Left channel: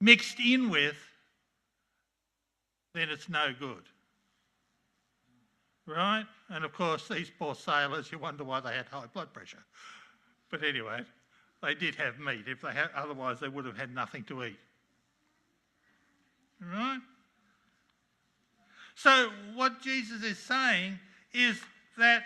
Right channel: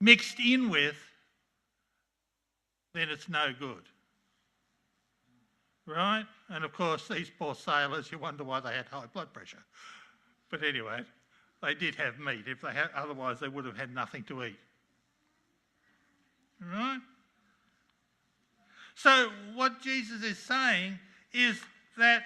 mixed in with, then it's no good. Right? And of course, these poor sailors, you wonder why they had high blood pressure. But anyway, they did have meat. If they had, otherwise, they would have had nothing to eat. Right? So what Jesus is saying is that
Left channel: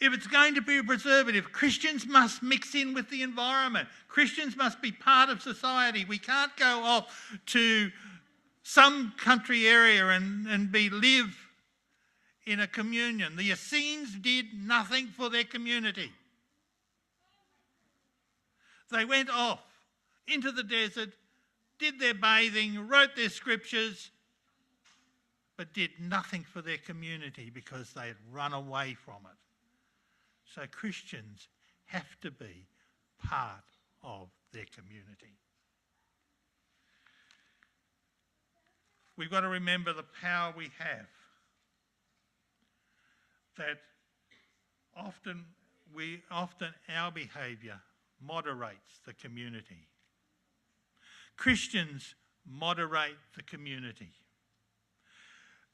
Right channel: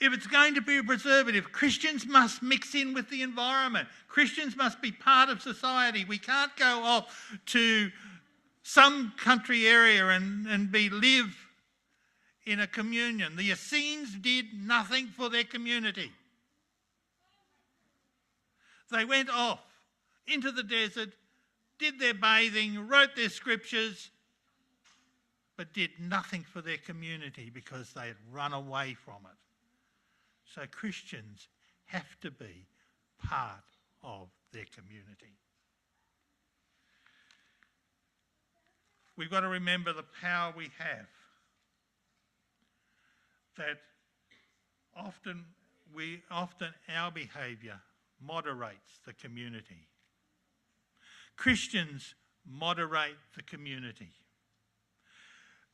if it's going to be a preservative, Christians must mix in with the environment. Christians must be part of society. We can't go off to some country area and live in a communion. The Essenes did nothing for their community. They went off into the desert, did their bathing, wrote their scriptures, but did nothing for their community because they had run away from it. So Christians have to be part of their community. We've got to remember the power we have. That often our behaviour moderates the community. Christians moderate the community.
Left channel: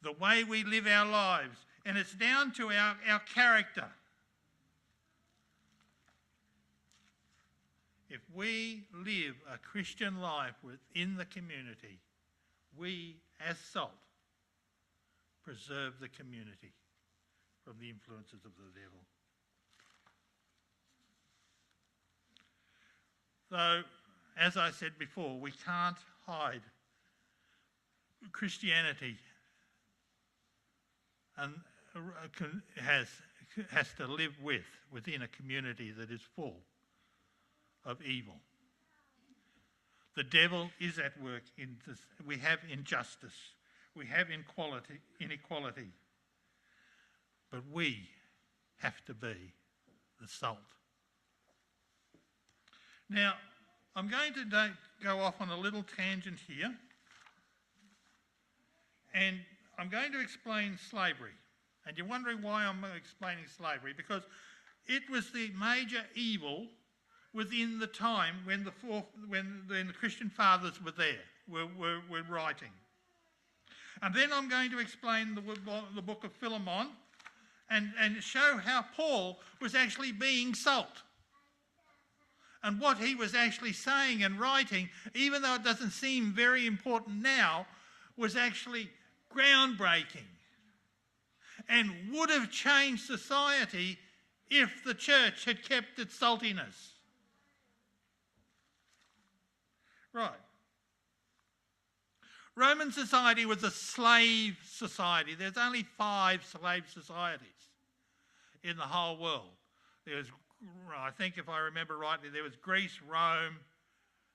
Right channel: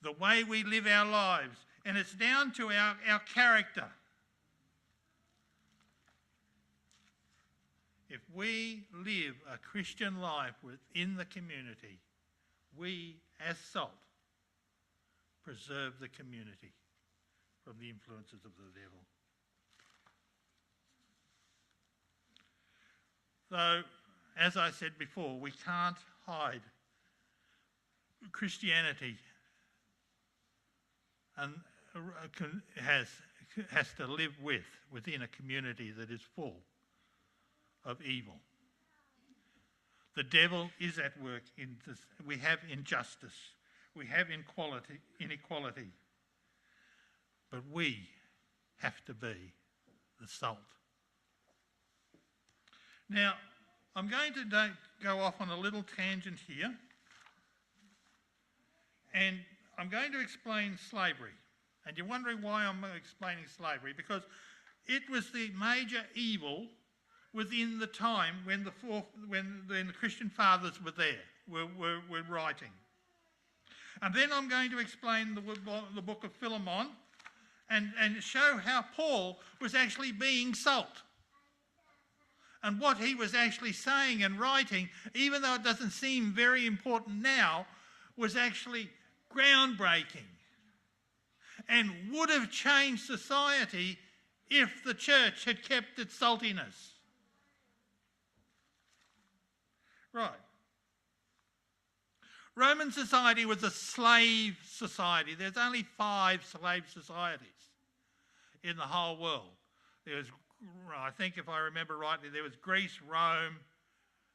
The way we live our lives, and it's down to our character. If we live a Christian life within the community, we, as salt, preserve the community from the influences of the devil. So, as I said before, we can't hide Christianity and has to live within a community that is full of evil. The devil is at work in this. We have injustice, we have inequality, but we have to be the salt. Now, I'm going to go off on a little tangent here, and I'm going to explain slavery. And you're wondering why I'm explaining slavery, because it was the major evil within the time when the Christian fathers were writing. And then I'm going to explain the book of Philemon and show how Paul was actually being salt. And what he was actually saying and writing, even though it doesn't seem very important now, was actually groundbreaking and would have changed society if the church had kept its saltiness. Right. Roman society was a slave society. There's only 5 slave societies in the whole world. There was, I think if I remember rightly, there was Greece, Rome,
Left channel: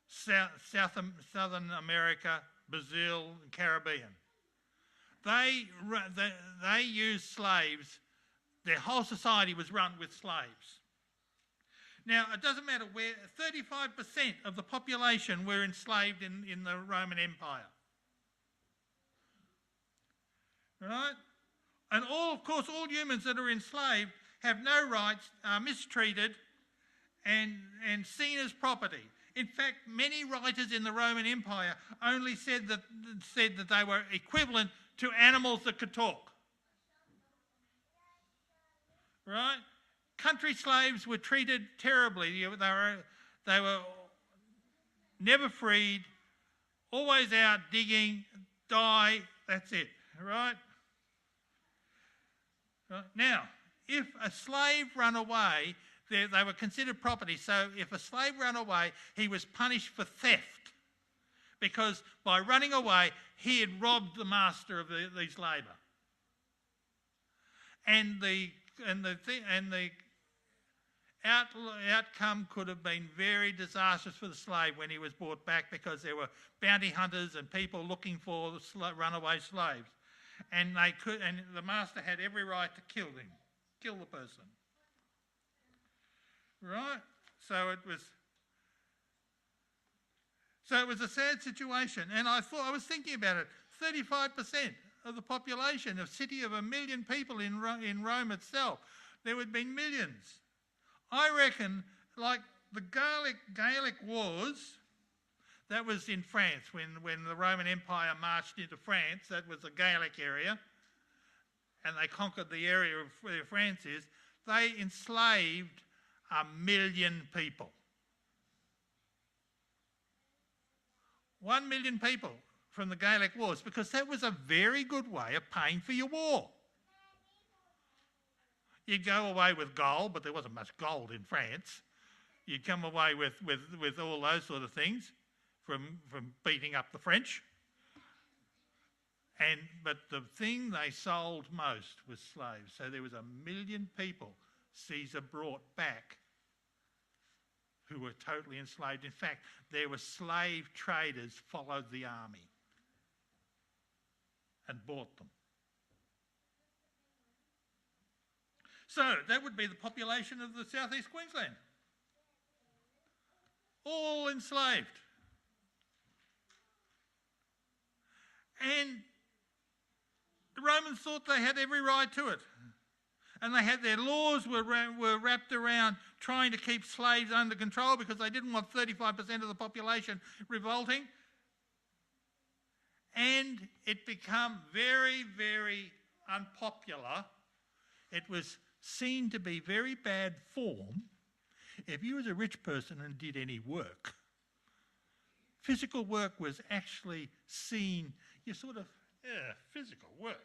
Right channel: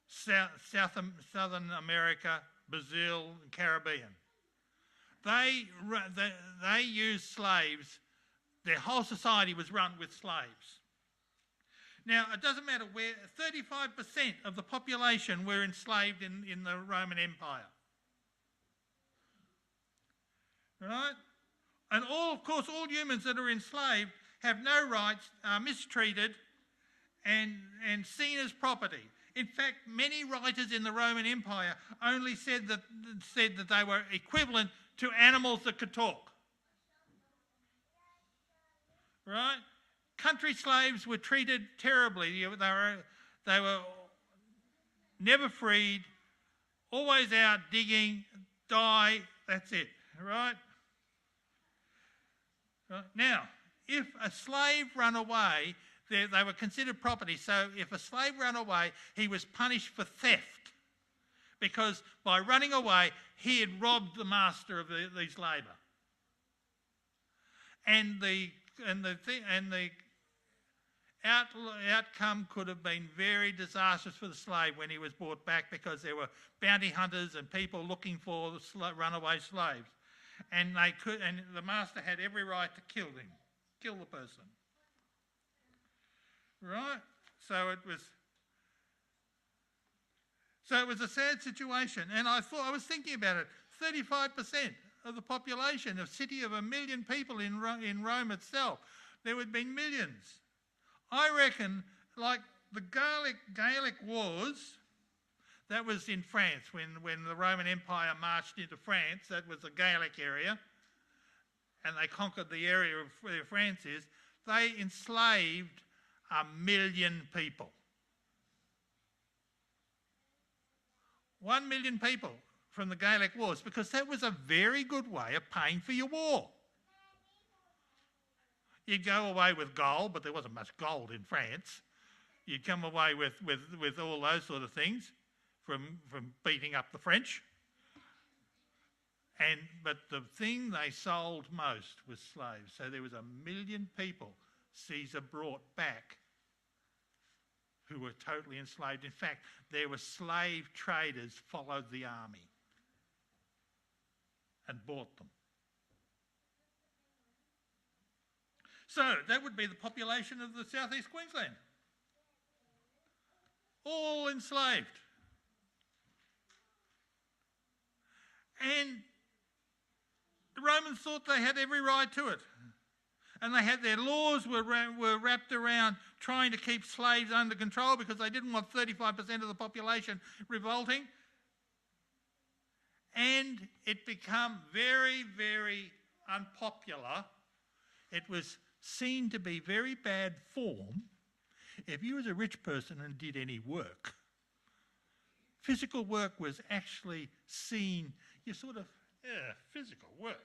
Southern America, Brazil, and Caribbean. They used slaves. Their whole society was run with slaves. Now, it doesn't matter where, 35% of the population were enslaved in the Roman Empire. Right? And of course, all humans that are enslaved have no rights, are mistreated and seen as property. In fact, many writers in the Roman Empire only said that they were equivalent to animals that could talk. Right? Country slaves were treated terribly. They were never freed, always out digging, die, that's it, right? Now, if a slave ran away, they were considered property. So if a slave ran away, he was punished for theft, because by running away, he had robbed the master of his labour. And the outcome could have been very disastrous for the slave when he was brought back, because there were bounty hunters and people looking for runaway slaves, and the master had every right to kill the person. Right? So it was a sad situation, and I was thinking about it. 35% of the population, a city of 1 million people in Rome itself, there would be millions. I reckon, like the Gaelic Wars, That was in France when the Roman Empire marched into France. That was the Gaelic area, and they conquered the area of where France is. They enslaved 1 million people. 1 million people from the Gaelic Wars, because that was a very good way of paying for your war. You'd go away with gold, but there wasn't much gold in France. You'd come away with all those sort of things from beating up the French. But the thing they sold most was slaves. So there was 1 million people Caesar brought back who were totally enslaved. In fact, there were slave traders followed the army and bought them. So that would be the population of the southeast Queensland. All enslaved. And the Romans thought they had every right to it. And they had their laws were wrapped around trying to keep slaves under control because they didn't want 35% of the population revolting. And it became very, very unpopular. It was seen to be very bad form if you was a rich person and did any work. Physical work was actually seen, physical work.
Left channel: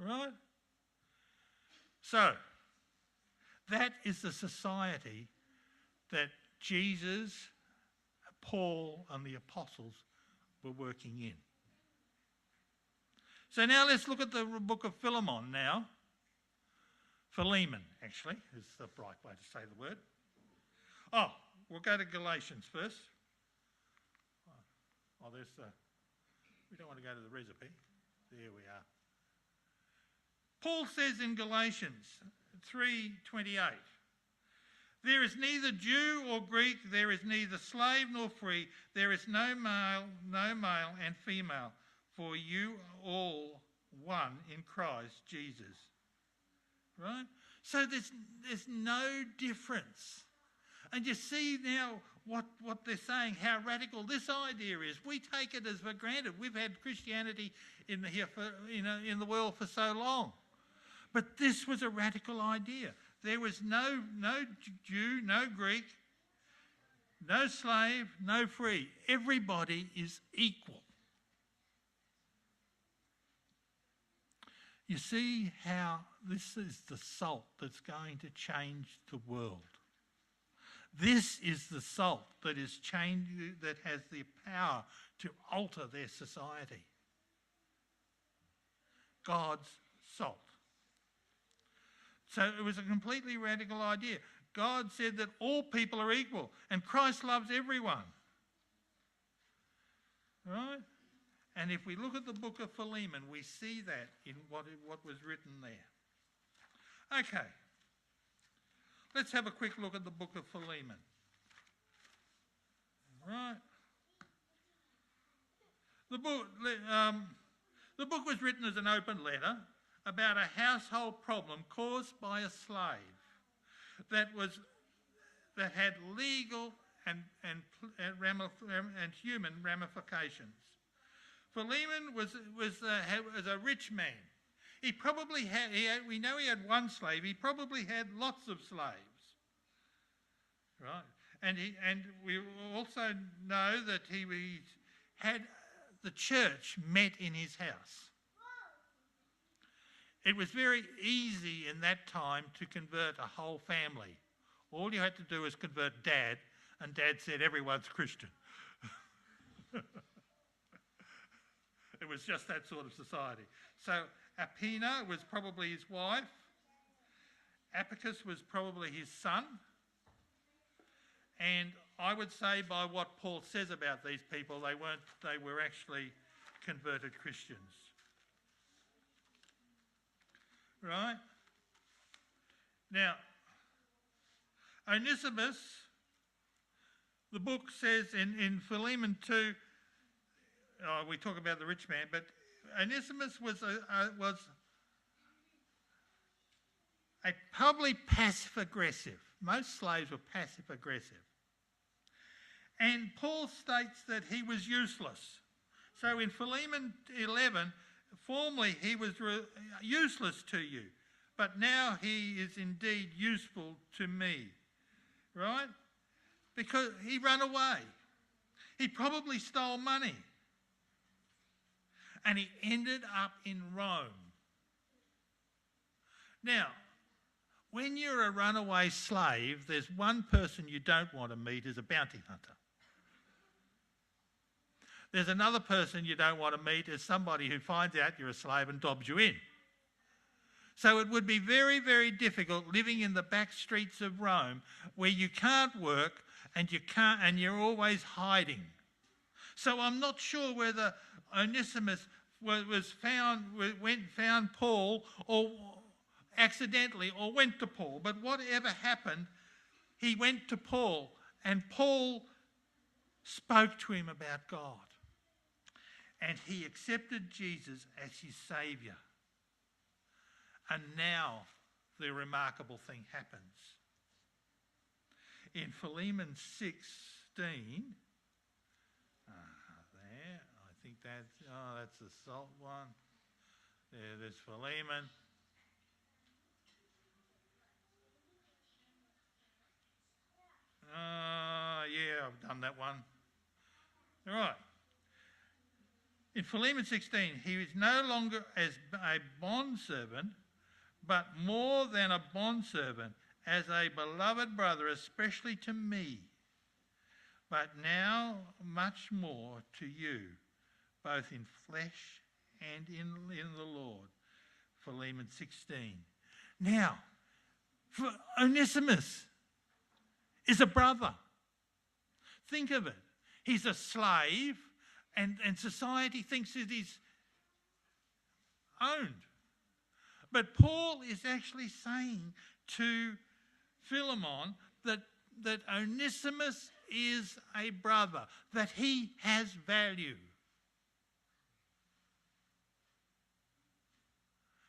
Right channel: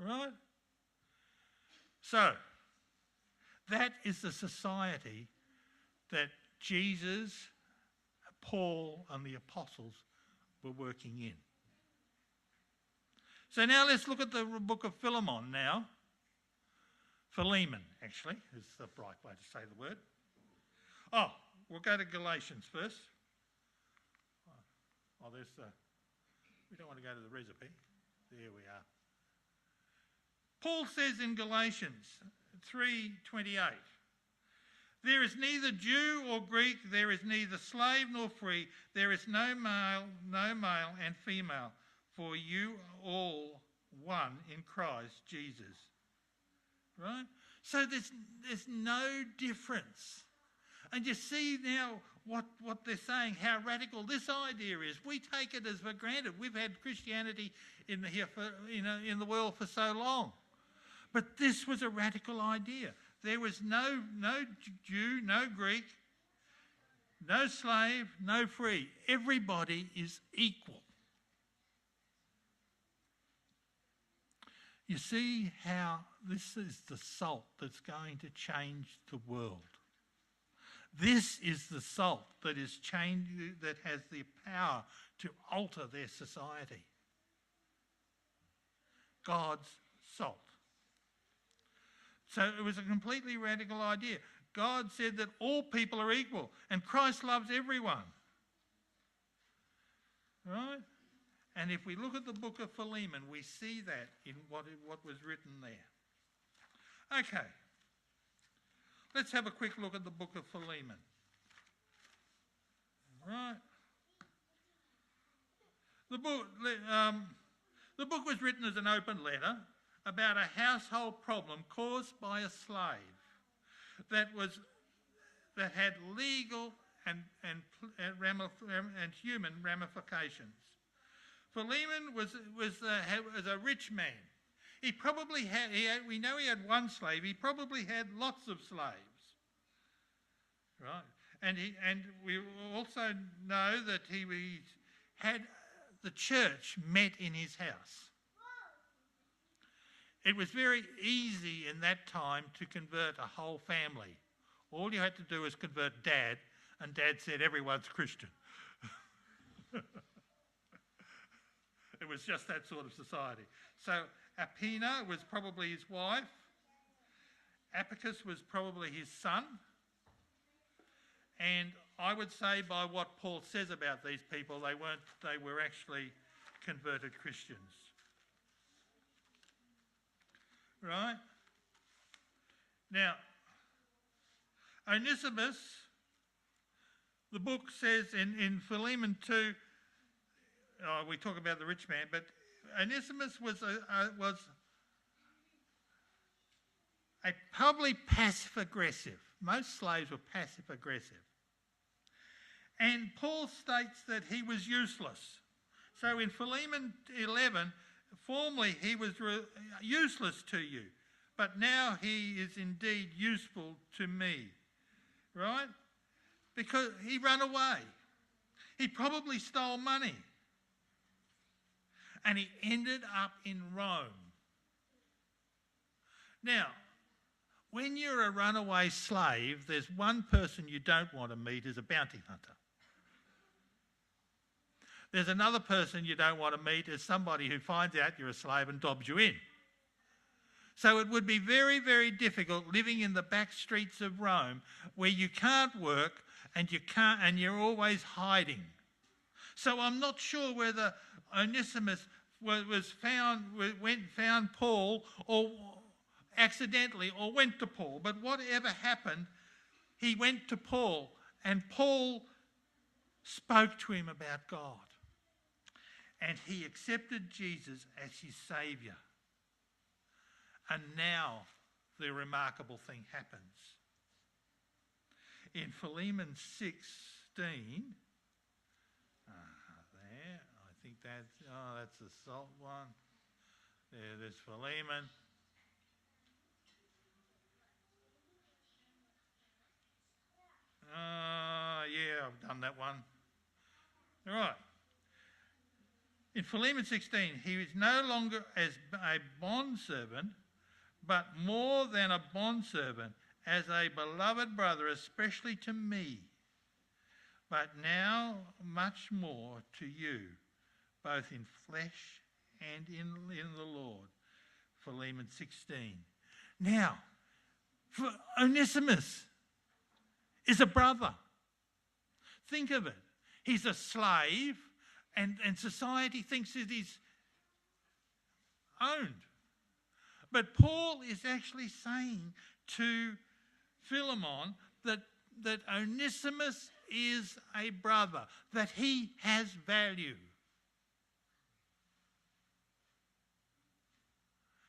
Right? So, that is the society that Jesus, Paul and the apostles were working in. So now let's look at the book of Philemon now. Philemon, actually, is the right way to say the word. Oh, we'll go to Galatians first. Oh, there's the... We don't want to go to the recipe. There we are. Paul says in Galatians 3:28, there is neither Jew or Greek, there is neither slave nor free, there is no male and female, for you are all one in Christ Jesus. Right? So there's no difference. And you see now what they're saying, how radical this idea is. We take it as for granted. We've had Christianity in the world for so long. But this was a radical idea. There was no Jew, no Greek, no slave, no free. Everybody is equal. You see how this is the salt that's going to change the world. This is the salt that has the power to alter their society. God's salt. So it was a completely radical idea. God said that all people are equal and Christ loves everyone. Right? And if we look at the book of Philemon, we see that in what was written there. Okay. Let's have a quick look at the book of Philemon. Right. The book was written as an open letter about a household problem caused by a slave that had legal and human ramifications. Philemon was a rich man. He probably had. We know he had one slave. He probably had lots of slaves, right? And we also know that he had the church met in his house. It was very easy in that time to convert a whole family. All you had to do was convert Dad, and Dad said everyone's Christian. It was just that sort of society. So Apina was probably his wife. Apicus was probably his son. And I would say by what Paul says about these people, they were actually converted Christians. Right? Now, Onesimus, the book says in Philemon 2, we talk about the rich man, but Onesimus was a probably passive-aggressive. Most slaves were passive-aggressive. And Paul states that he was useless. So in Philemon 11, formerly he was useless to you, but now he is indeed useful to me. Right? Because he ran away. He probably stole money. And he ended up in Rome. Now, when you're a runaway slave, there's one person you don't want to meet as a bounty hunter. There's another person you don't want to meet as somebody who finds out you're a slave and dobs you in. So it would be very, very difficult living in the back streets of Rome where you can't work and you're always hiding. So I'm not sure whether Onesimus found Paul or accidentally or went to Paul, but whatever happened, he went to Paul and Paul spoke to him about God. And he accepted Jesus as his saviour. And now the remarkable thing happens. In Philemon 16, there, I think that's the salt one. There's Philemon. Yeah, I've done that one. All right. In Philemon 16, he is no longer as a bondservant, but more than a bondservant, as a beloved brother, especially to me, but now much more to you, both in flesh and in the Lord. Philemon 16. Now, Onesimus is a brother. Think of it. He's a slave, and society thinks it is owned. But Paul is actually saying to Philemon that Onesimus is a brother, that he has value.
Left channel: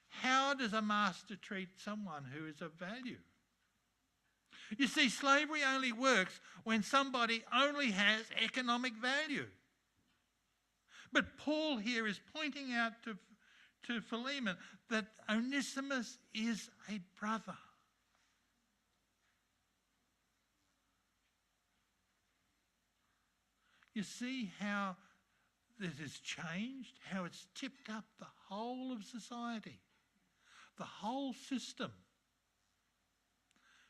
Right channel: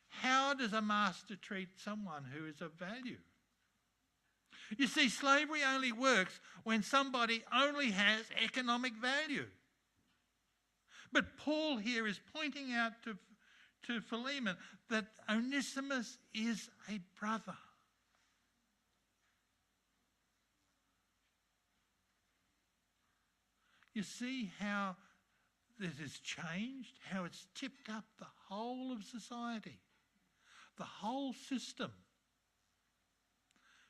How does a master treat someone who is of value? You see, slavery only works when somebody only has economic value. But Paul here is pointing out to Philemon that Onesimus is a brother. You see how this has changed, how it's tipped up the whole of society, the whole system.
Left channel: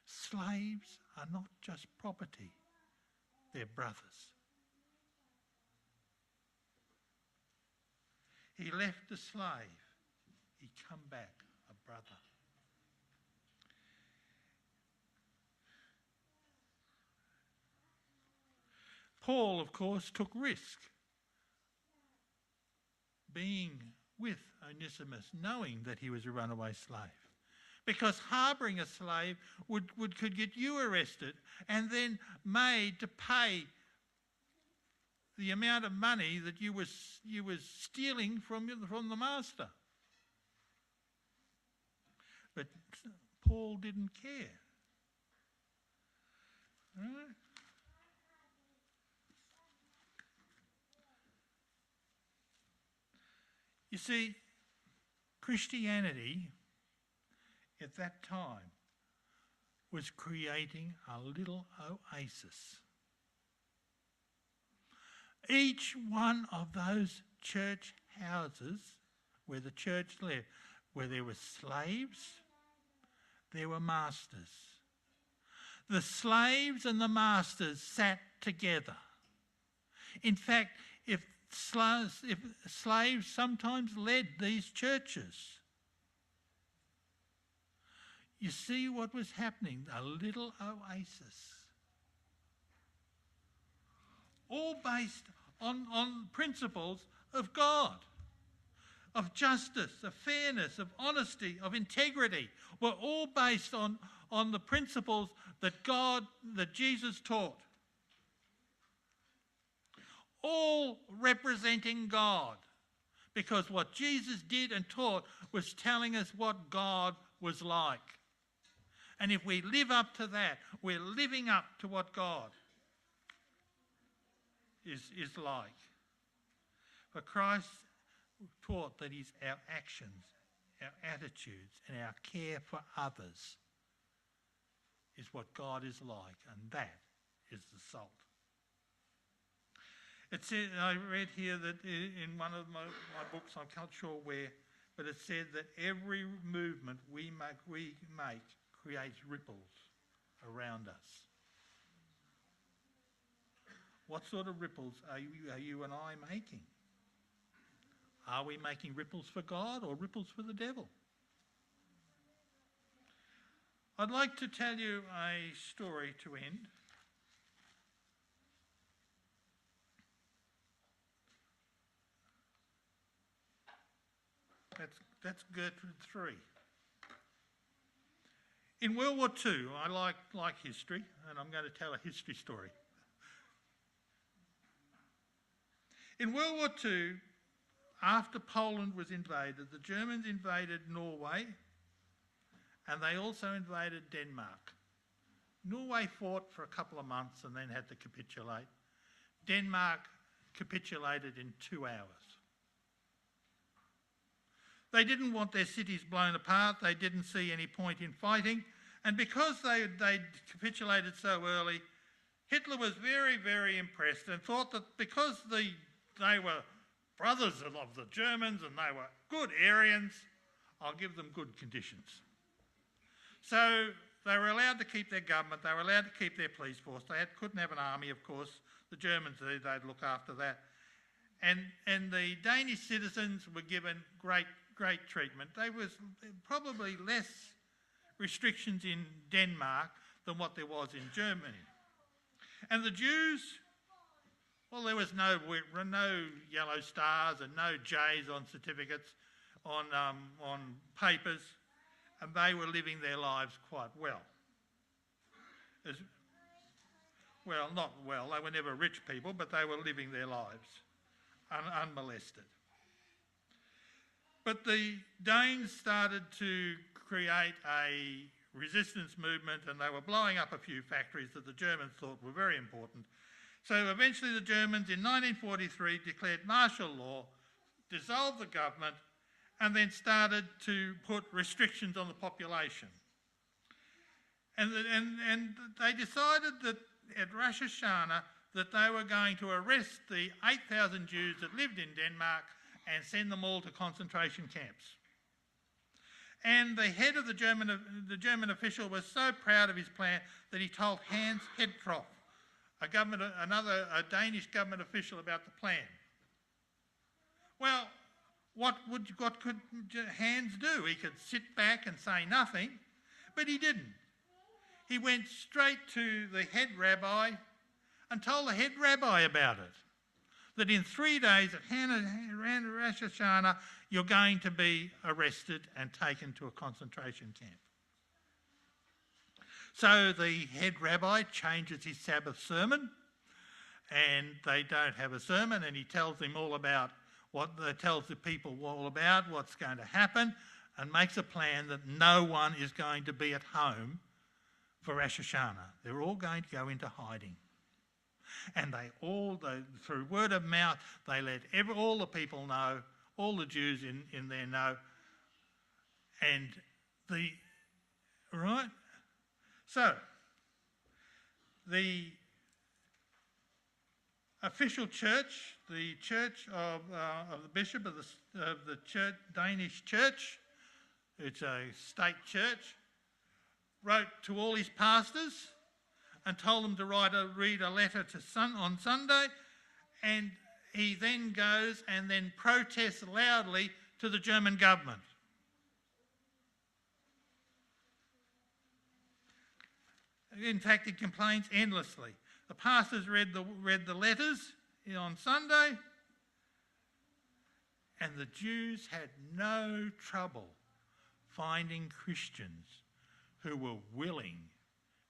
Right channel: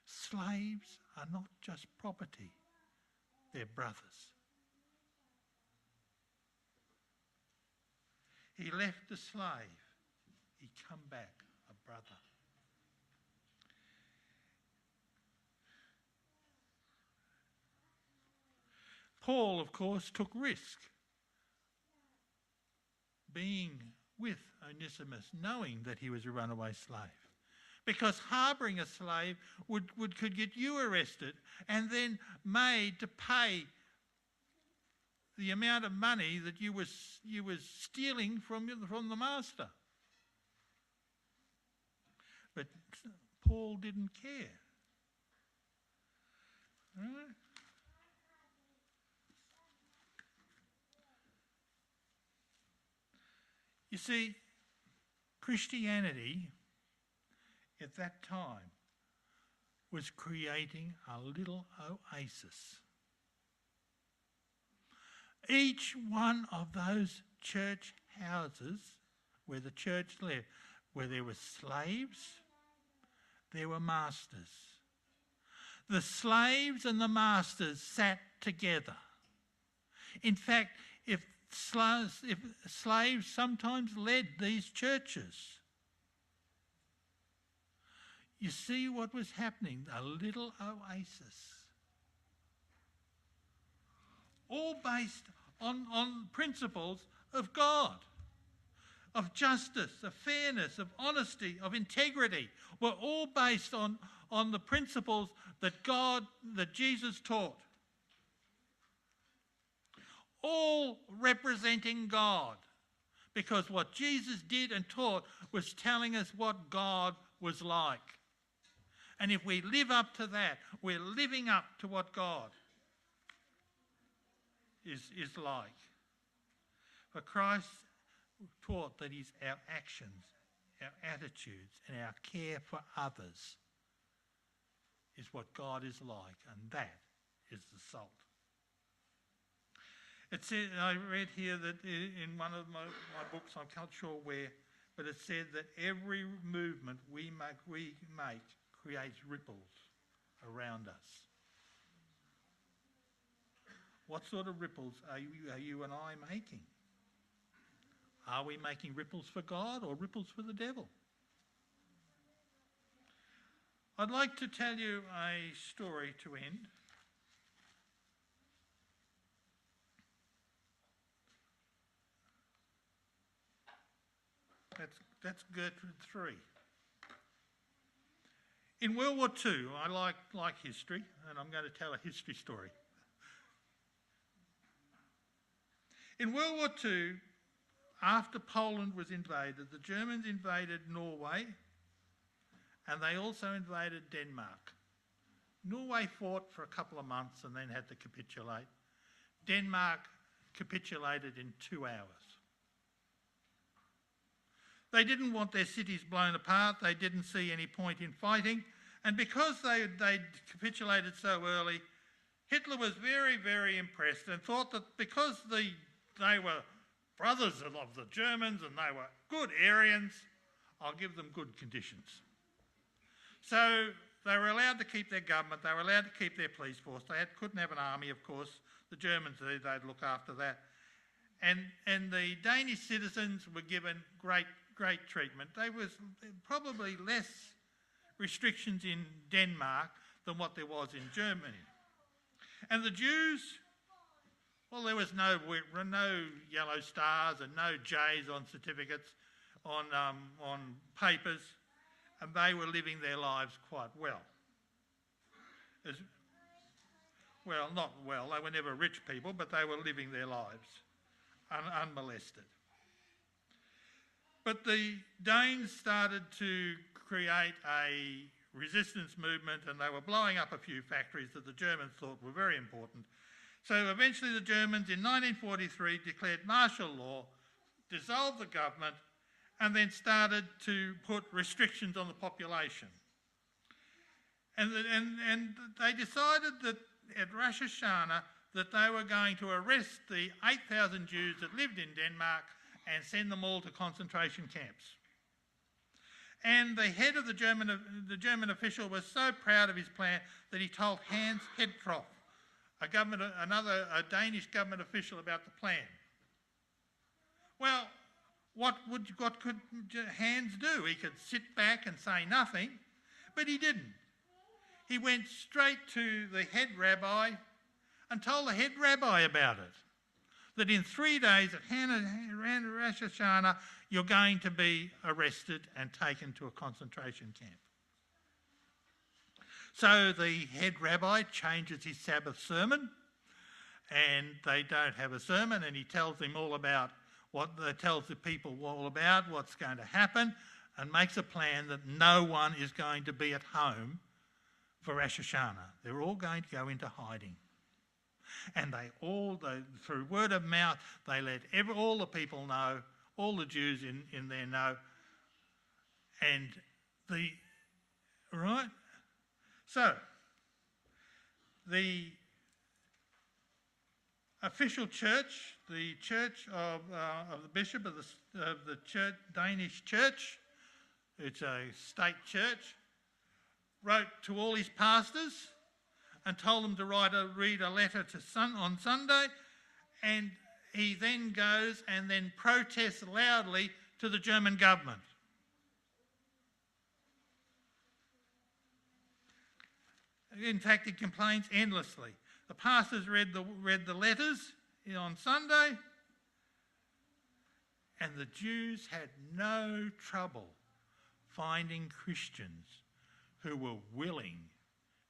Slaves are not just property, they're brothers. He left a slave, he come back a brother. Paul, of course, took risk being with Onesimus, knowing that he was a runaway slave. Because harbouring a slave could get you arrested and then made to pay the amount of money that you were stealing from the master. But Paul didn't care. Right? You see, Christianity at that time was creating a little oasis. Each one of those church houses where the church lived, where there were slaves, there were masters. The slaves and the masters sat together. In fact, if slaves sometimes led these churches. You see what was happening, a little oasis. All based on principles of God, of justice, of fairness, of honesty, of integrity, were all based on the principles that Jesus taught. All representing God, because what Jesus did and taught was telling us what God was like. And if we live up to that, we're living up to what God. is like. For Christ taught that it's our actions, our attitudes, and our care for others is what God is like, and that is the salt. It said, I read here that in one of my books, I'm not sure where, but it said that every movement we make creates ripples around us. What sort of ripples are you and I making? Are we making ripples for God or ripples for the devil? I'd like to tell you a story to end. That's Gertrude 3. In World War II, I like history, and I'm going to tell a history story. In World War II, after Poland was invaded, the Germans invaded Norway, and they also invaded Denmark. Norway fought for a couple of months and then had to capitulate. Denmark capitulated in 2 hours. They didn't want their cities blown apart. They didn't see any point in fighting. And because they capitulated so early, Hitler was very, very impressed and thought that because they were brothers of the Germans and they were good Aryans, I'll give them good conditions. So they were allowed to keep their government. They were allowed to keep their police force. They couldn't have an army, of course. The Germans, they'd look after that. And the Danish citizens were given great treatment. There was probably less restrictions in Denmark than what there was in Germany. And the Jews, well, there was no yellow stars and no J's on certificates, on papers, and they were living their lives quite well. Not well, they were never rich people, but they were living their lives unmolested. But the Danes started to create a resistance movement, and they were blowing up a few factories that the Germans thought were very important. So eventually the Germans in 1943 declared martial law, dissolved the government, and then started to put restrictions on the population. And they decided that at Rosh Hashanah that they were going to arrest the 8,000 Jews that lived in Denmark and send them all to concentration camps. And the head of the German official was so proud of his plan that he told Hans Hedthoff, a Danish government official, about the plan. Well, what could Hans do? He could sit back and say nothing, but he didn't. He went straight to the head rabbi and told the head rabbi about it. That in 3 days at Rosh Hashanah, you're going to be arrested and taken to a concentration camp. So the head rabbi changes his Sabbath sermon, and they don't have a sermon, and he tells them all about tells the people all about what's going to happen, and makes a plan that no one is going to be at home for Rosh Hashanah. They're all going to go into hiding. And through word of mouth, they let all the people know, all the Jews in there know. So, the official church, the church of the bishop of the Danish church, it's a state church, wrote to all his pastors and told them to read a letter on Sunday, and he then goes and then protests loudly to the German government. In fact, he complains endlessly. The pastors read the letters on Sunday, and the Jews had no trouble finding Christians who were willing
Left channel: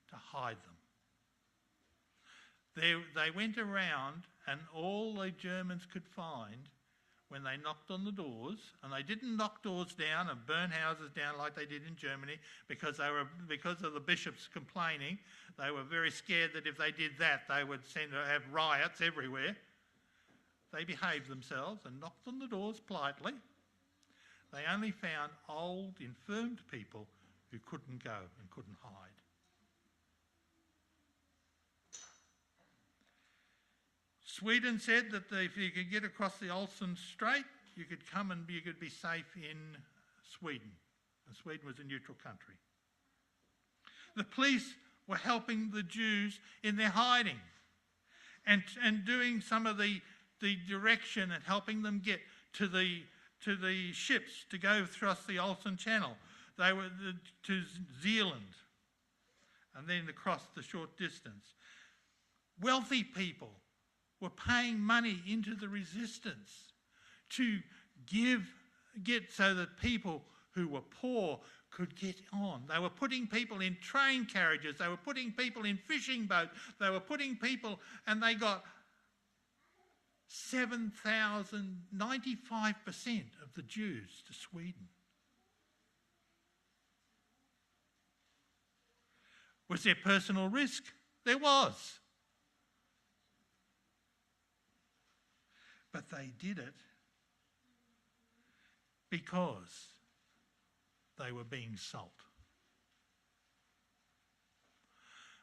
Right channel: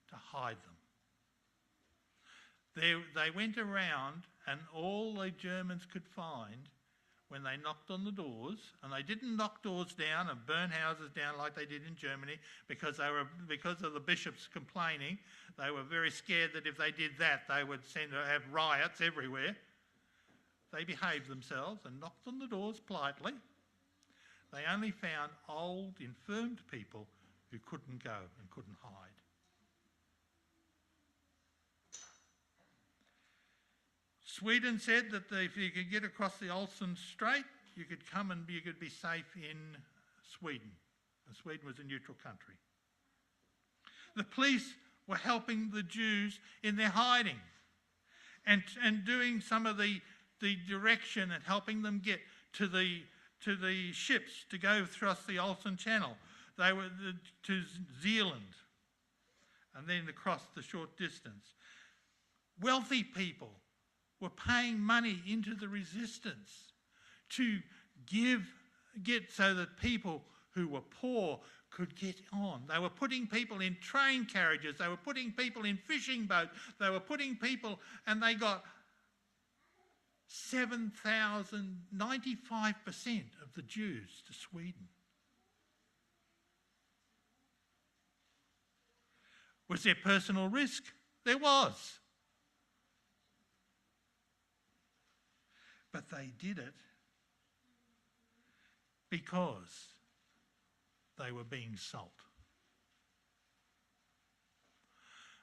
to hide them. They went around, and all the Germans could find when they knocked on the doors, and they didn't knock doors down and burn houses down like they did in Germany because of the bishops complaining. They were very scared that if they did that, they would have riots everywhere. they behaved themselves and knocked on the doors politely. They only found old, infirmed people who couldn't go and couldn't hide. Sweden said that if you could get across the Olsen Strait, you could come and you could be safe in Sweden. And Sweden was a neutral country. The police were helping the Jews in their hiding and doing some of the direction and helping them get to the ships to go across the Olsen Channel. They were to Zealand and then across the short distance. Wealthy people were paying money into the resistance to get so that people who were poor could get on. They were putting people in train carriages, they were putting people in fishing boats, they were putting people, and they got 7,000, 95% of the Jews to Sweden. Was there personal risk? There was. But they did it because they were being salt.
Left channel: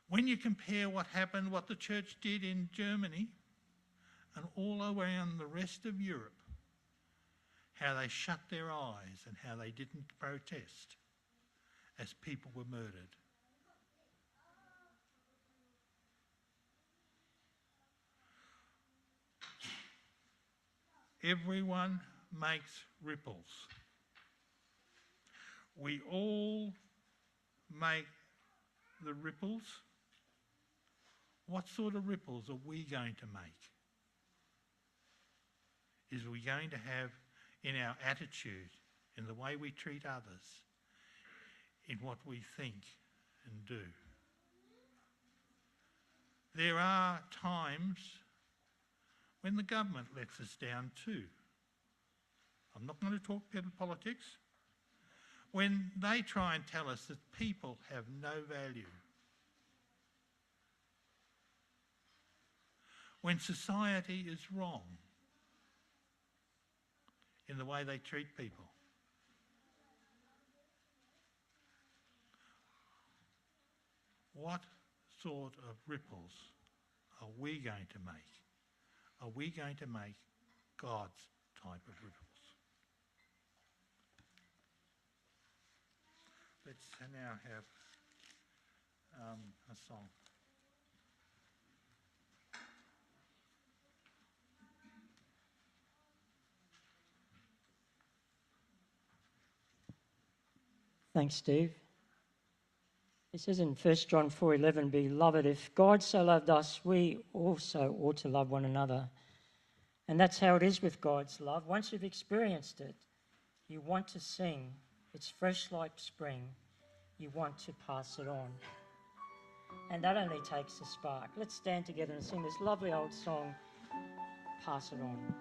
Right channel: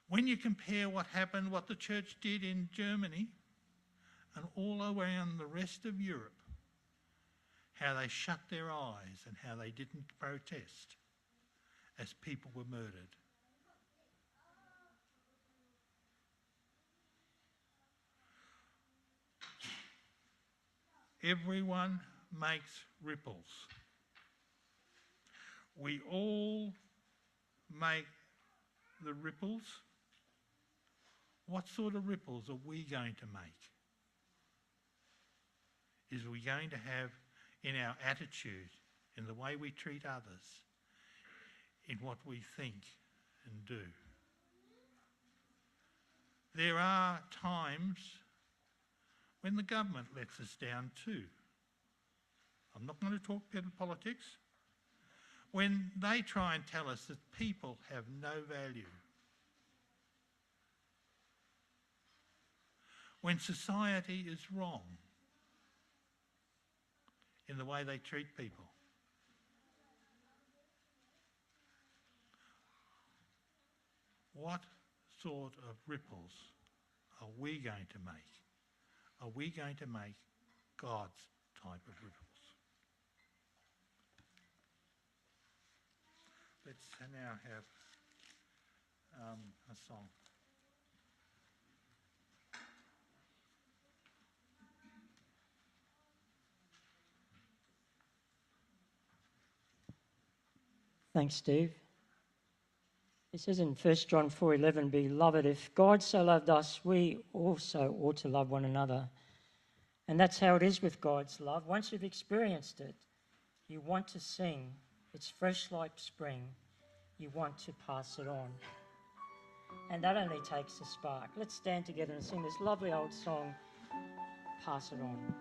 When you compare what happened, what the church did in Germany and all around the rest of Europe, how they shut their eyes and how they didn't protest as people were murdered. Everyone makes ripples. We all make the ripples. What sort of ripples are we going to make? Is we going to have in our attitude, in the way we treat others, in what we think and do? There are times when the government lets us down too. I'm not going to talk politics. When they try and tell us that people have no value. When society is wrong in the way they treat people. What sort of ripples are we going to make? Are we going to make God's type of ripples? Let's now have a song. Thanks, Steve. It says in 1 John 4:11, "Beloved, if God so loved us, we also ought to love one another." And that's how it is with God's love. Once you've experienced it, you want to sing. It's fresh like spring. You want to pass it on. And that only takes a spark. Let's stand together and sing this lovely old song, Pass It On.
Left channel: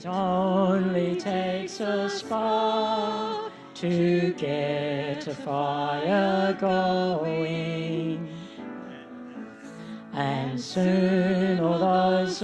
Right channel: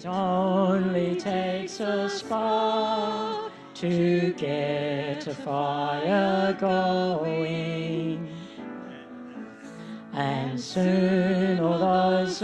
It only takes a spark to get a fire going, and soon all those